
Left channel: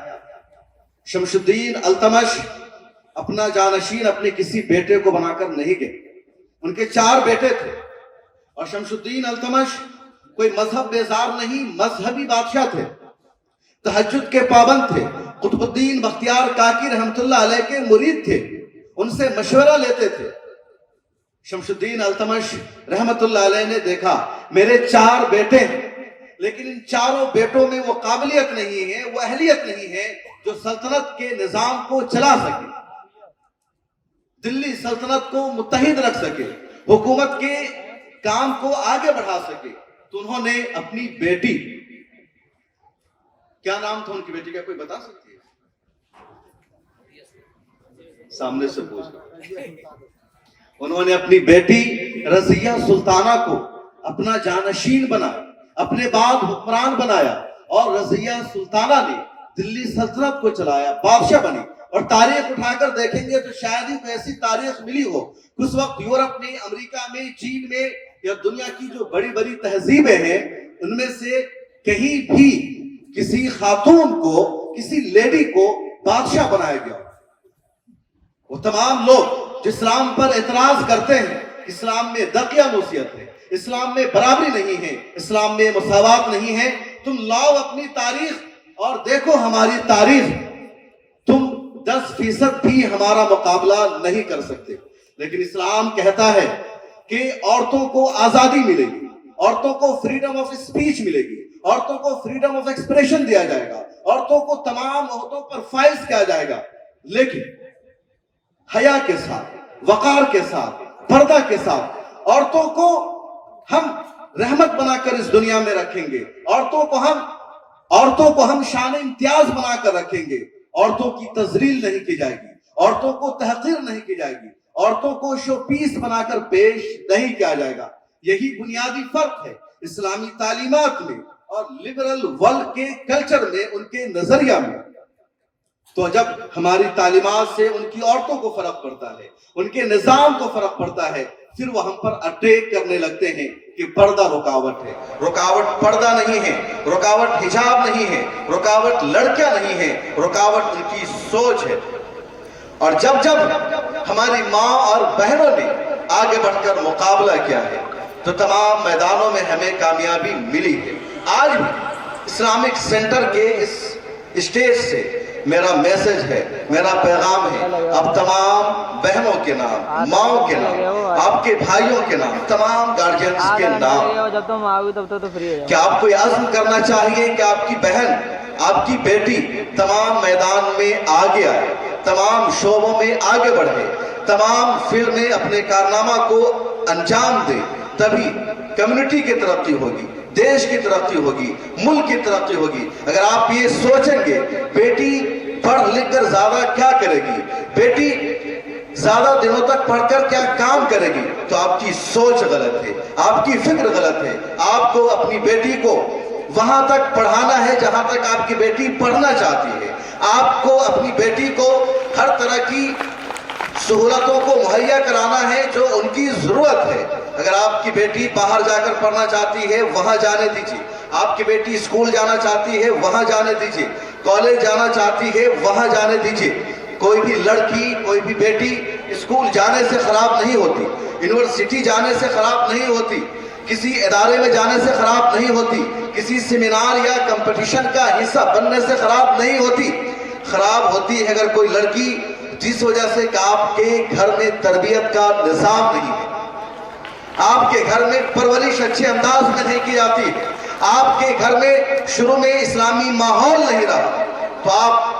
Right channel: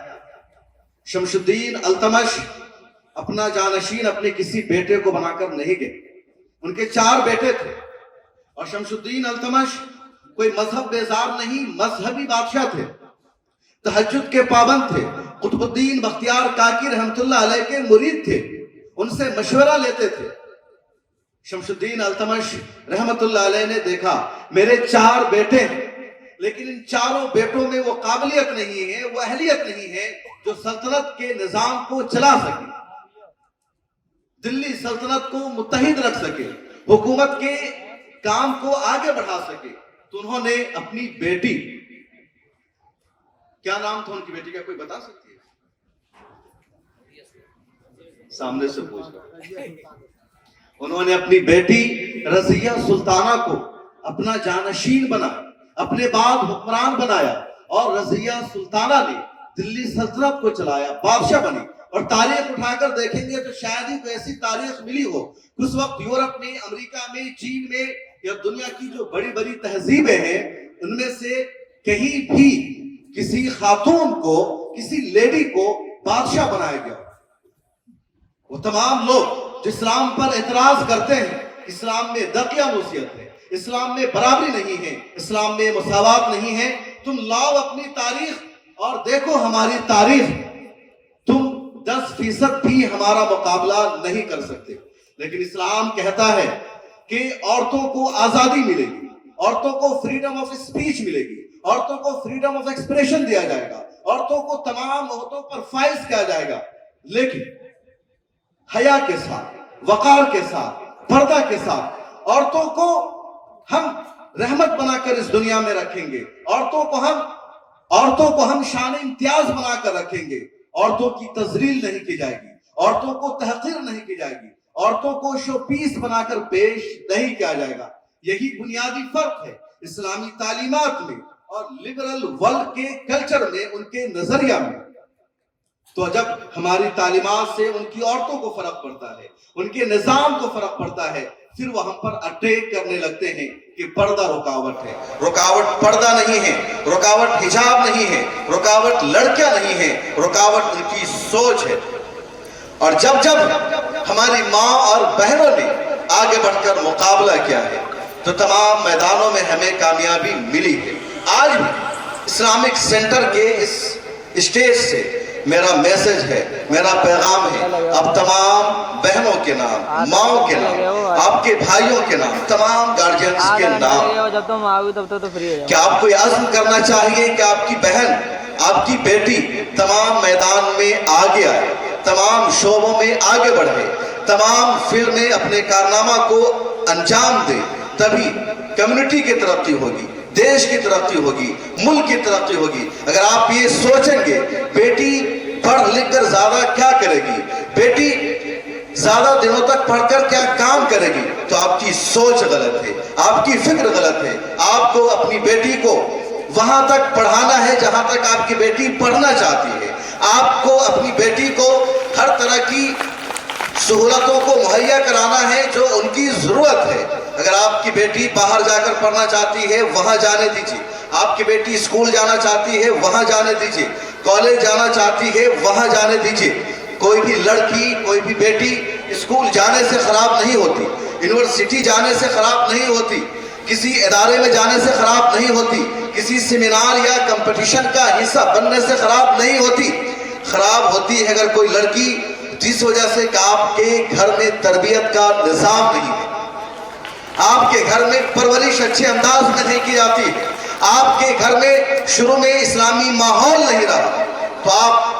شمس الدین التمش اپنا جانشین اپنے کسی بیٹے کو بنا کر نہیں گئے، ان کے 4 بیٹے تھے، اور شمس الدین التمش کوئی مذہب بیزار نہیں، مذہبی بادشاہ تھے، تہجد کے پابند تھے، قطب الدین بختیار کاکی رحمت اللہ علیہ کے مرید تھے، ان سے مشورہ لیتے تھے۔ شمس الدین التمش رحمت اللہ علیہ نے دیکھا میرے 4 بیٹے ہیں، لیکن ان 4 بیٹوں میں وہ قابلیت نہیں ہے، وہ اہلیت نہیں ہے جو سلطنت کے نظام کو چلا سکے، دلی سلطنت کو متحد رکھ سکے، حکومت کے کام کو آگے بڑھا سکے۔ تو انہوں نے اپنی بیٹی، کیا نام تھا ان کی بیٹی کا، کوئی بتا سکتی ہے؟ سامنے سے پوچھ رہا۔ انہوں نے اپنی بیٹی رضیہ سلطانہ کو اپنا جانشین بنایا، اپنے بعد حکمران بنایا، اور رضیہ سلطانہ نے دلی سلطنت کو چلایا، بادشاہ بنی۔ اور تاریخ اٹھا کر دیکھیں گے تو شاید ہی کوئی ایسی تاریخ ملی ہو، اس وقت یورپ میں، امریکہ میں، چین میں، یا دنیا کی جو بڑی بڑی تہذیبیں ہیں، ان میں سے کہیں بھی کسی خاتون کو، کسی لیڈی کو بادشاہ بنایا گیا۔ وہ تمام لوگ جو اسلام پر اعتراض کرتے ہیں، اسلام میں دقیانوسیت ہے، اسلام میں برابری نہیں ہے، اسلام میں مساوات نہیں ہے، تم لاؤ اپنی تاریخ اور دیکھو ہماری تاریخ، تم 10% بھی ہمارا مقابلہ نہیں کر سکتے۔ لیکن اسلام کہتا ہے کہ عورتوں کو آزادی ملے گی، عورتوں کو فریڈم آف اسپیچ ملے گی، عورتوں کو فریڈم آف ایکسپریشن دیا جائے گا، عورتوں کو تمام عہدوں پر فائز کیا جائے گا، لیکن حیا کے ساتھ، وقار کے ساتھ، پردہ کے ساتھ۔ عورتوں کو ہم رحمت بنا کر اس دنیا میں رکھیں گے، عورتوں کو ہم شان امتیاز بنا کر رکھیں گے، عورتوں کی تذلیل نہیں کی جائے گی، عورتوں کو تحقیر نہیں کی جائے گی، عورتوں کو شو پیس بنا کر پیش نہیں کیا جائے گا۔ یہی بنیادی فرق ہے اسلامی تعلیمات میں اور لبرل ورلڈ کے کلچر میں، ان کے نظریہ میں۔ تو جب ہماری تعلیمات سے ان کی عورتوں کو فرق پڑتا ہے، ان کے نظام کو فرق پڑتا ہے، پھر وہ ہم پر اٹیک کرنے لگتے ہیں کہ پردہ رکاوٹ ہے۔ رکاوٹ پردہ نہیں ہے، رکاوٹ حجاب نہیں ہے، رکاوٹ لڑکیاں نہیں ہے، رکاوٹ ان کی سوچ ہے۔ اور جب ہماری ماں اور بہنوں نے آگے بڑھ کر مقابلہ کیا ہے تو تمام میدانوں میں ہمیں کامیابی ملی ہے۔ آج بھی اسلامک سینٹر کے اس اسٹیج سے میرا میسج ہے، میرا پیغام ہے، اب تمام بہنوں کے نام، ماؤں کے نام، آپ کے بھائیوں کے نام، تمام گارجینز کے نام، کہ آپ کو یہ عزم کرنا چاہیے کہ آپ کی بہن، آپ کی بیٹی تمام میدان میں آگے آئے، تمام شعبوں میں آگے بڑھے، تمام فیلڈ میں اپنے کارنامہ کو انجام دے، تبھی کمیونٹی کی ترقی ہوگی، دیش کی ترقی ہوگی، ملک کی ترقی ہوگی۔ اگر آپ یہ سوچیں گے بیٹی پڑھ لکھ کر زیادہ کیا کرے گی، بیٹی زیادہ دنوں تک پڑھ کر کیا کام کرے گی، تو آپ کی سوچ غلط ہے، آپ کی فکر غلط ہے۔ آپ کو اپنی بیٹی کو وہاں تک پڑھانا ہے جہاں تک آپ کی بیٹی پڑھنا چاہتی ہے۔ آپ کو اپنی بیٹی کو ہر طرح کی سہولتوں کو مہیا کرانا ہے جو ان کی ضرورت ہے۔ اگر آپ کی بیٹی باہر جا کر پڑھنا چاہتی ہے وہاں جانے دیجیے، آپ کی بیٹی اسکول جانا چاہتی ہے وہاں جانے دیجیے، کالج جانا چاہتی ہے وہاں جانے دیجیے۔ کوئی بھی لڑکی، کوئی بھی بیٹی اسکول جانے سے خراب نہیں ہوتی، یونیورسٹی جانے سے خراب نہیں ہوتی، کسی ادارے میں جانے سے خراب نہیں ہوتی، کسی سیمینار یا کمپٹیشن کا حصہ بننے سے خراب نہیں ہوتی۔ خراب ہوتی ہے اگر کوئی لڑکی جس وجہ سے کہ آپ کے گھر میں تربیت کا نظام نہیں ہے، آپ کے گھر میں پرورش اچھے انداز میں نہیں کی جاتی، آپ کے گھر میں شروع میں اسلامی ماحول نہیں رہا، تو آپ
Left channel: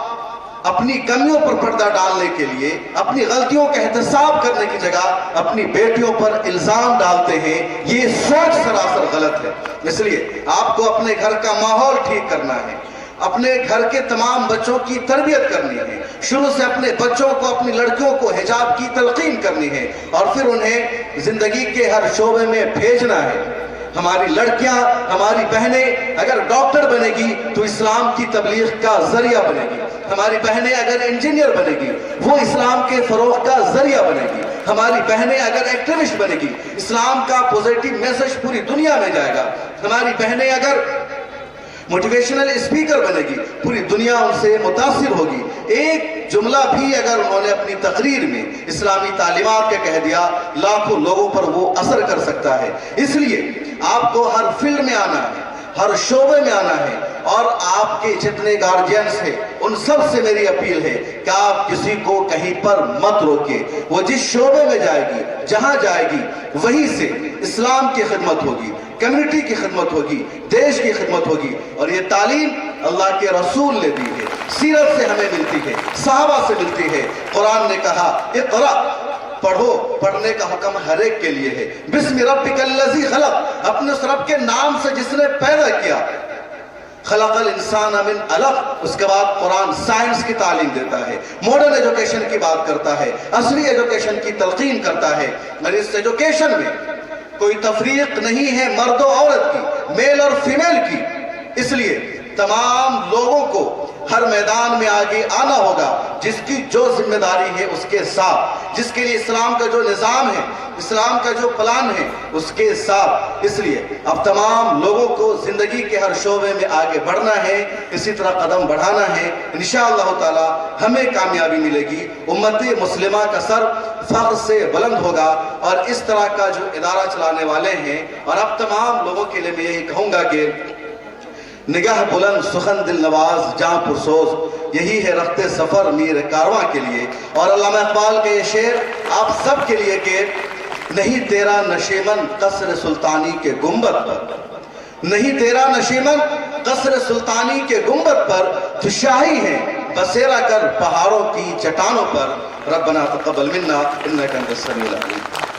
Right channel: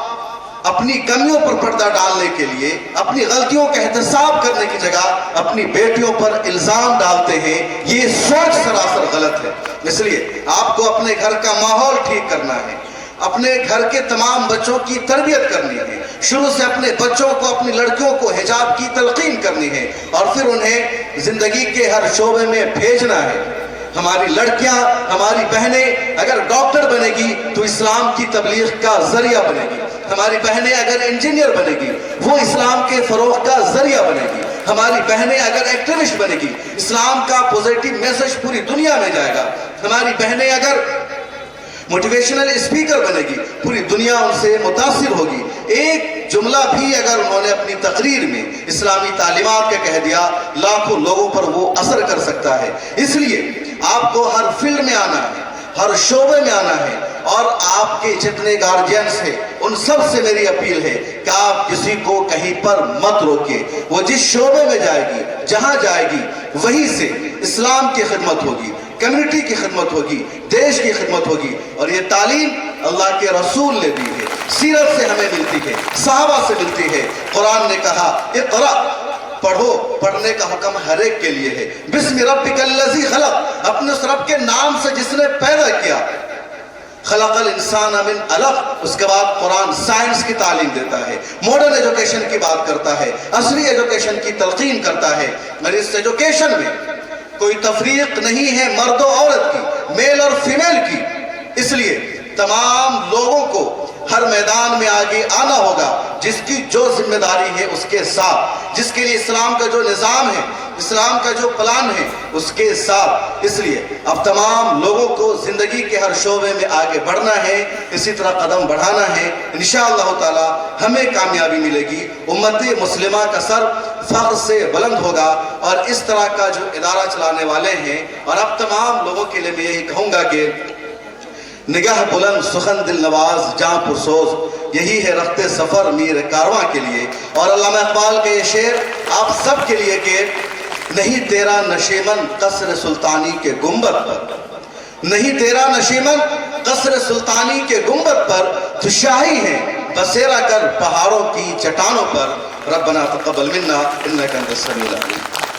اپنی کمیوں پر پردہ ڈالنے کے لیے، اپنی غلطیوں کا احتساب کرنے کی جگہ اپنی بیٹیوں پر الزام ڈالتے ہیں۔ یہ سوچ سراسر غلط ہے۔ اس لیے آپ کو اپنے گھر کا ماحول ٹھیک کرنا ہے، اپنے گھر کے تمام بچوں کی تربیت کرنی ہے، شروع سے اپنے بچوں کو، اپنی لڑکیوں کو حجاب کی تلقین کرنی ہے، اور پھر انہیں زندگی کے ہر شعبے میں بھیجنا ہے۔ ہماری لڑکیاں، ہماری بہنیں اگر ڈاکٹر بنے گی تو اسلام کی تبلیغ کا ذریعہ بنے گی، ہماری بہنیں اگر انجینئر بنے گی وہ اسلام کے فروغ کا ذریعہ بنے گی، ہماری بہنیں اگر ایکٹیوسٹ بنے گی اسلام کا پوزیٹیو میسج پوری دنیا میں جائے گا، ہماری بہنیں اگر موٹیویشنل اسپیکر بنے گی پوری دنیا ان سے متاثر ہوگی۔ ایک جملہ بھی اگر انہوں نے اپنی تقریر میں اسلامی تعلیمات کا کہہ دیا، لاکھوں لوگوں پر وہ اثر کر سکتا ہے۔ اس لیے آپ کو ہر فیلڈ میں آنا ہے، ہر شعبے میں آنا ہے، اور آپ کے جتنے گارجینز ہیں ان سب سے میری اپیل ہے کہ آپ کسی کو کہیں پر مت روکیے۔ وہ جس شعبے میں جائے گی، جہاں جائے گی، وہیں سے اسلام کی خدمت ہوگی، کمیونٹی کی خدمت ہوگی، دیش کی خدمت ہوگی۔ اور یہ تعلیم اللہ کے رسول نے دی ہے، سیرت سے ہمیں ملتی ہے، صحابہ سے ملتی ہے۔ قرآن نے کہا اقرأ، پڑھو، پڑھنے کا حکم ہر ایک کے لیے ہے۔ بسم ربک الذی خلق، اپنے اس رب کے نام سے جس نے پیدا کیا۔ خلق الانسان من علق، اس کے بعد قرآن سائنس کی تعلیم دیتا ہے، ماڈرن ایجوکیشن کی بات کرتا ہے، عصری ایجوکیشن کی تلقین کرتا ہے۔ اور اس ایجوکیشن میں کوئی تفریق نہیں ہے مرد و عورت کی، میل اور فیمیل کی۔ اس لیے تمام لوگوں کو ہر میدان میں آگے آنا ہوگا، جس کی جو ذمہ داری ہے اس کے ساتھ، جس کے لیے اسلام کا جو نظام ہے، اسلام کا جو پلان ہے اس کے ساتھ۔ اس لیے اب تمام لوگوں کو زندگی کے ہر شعبے میں آگے بڑھنا ہے، اسی طرح قدم بڑھانا ہے۔ انشاءاللہ تعالی ہمیں کامیابی ملے گی، امت مسلمہ کا سر فخر سے بلند ہوگا۔ اور اس طرح کا جو ادارہ چلانے والے ہیں، اور اب تمام لوگوں کے لیے میں یہی کہوں گا کہ نگاہ بلند، سخن دل نواز، جاں پرسوز، یہی ہے رخت سفر میر کارواں کے لیے۔ اور علامہ اقبال کے یہ شعر آپ سب کے لیے کہ نہیں تیرا نشیمن قصر سلطانی کے گنبد پر، نہیں تیرا نشیمن قصر سلطانی کے گنبد پر، تو شاہی ہے بسیرا کر پہاڑوں کی چٹانوں پر۔ ربنا تقبل منا انک انت السمیع العلیم۔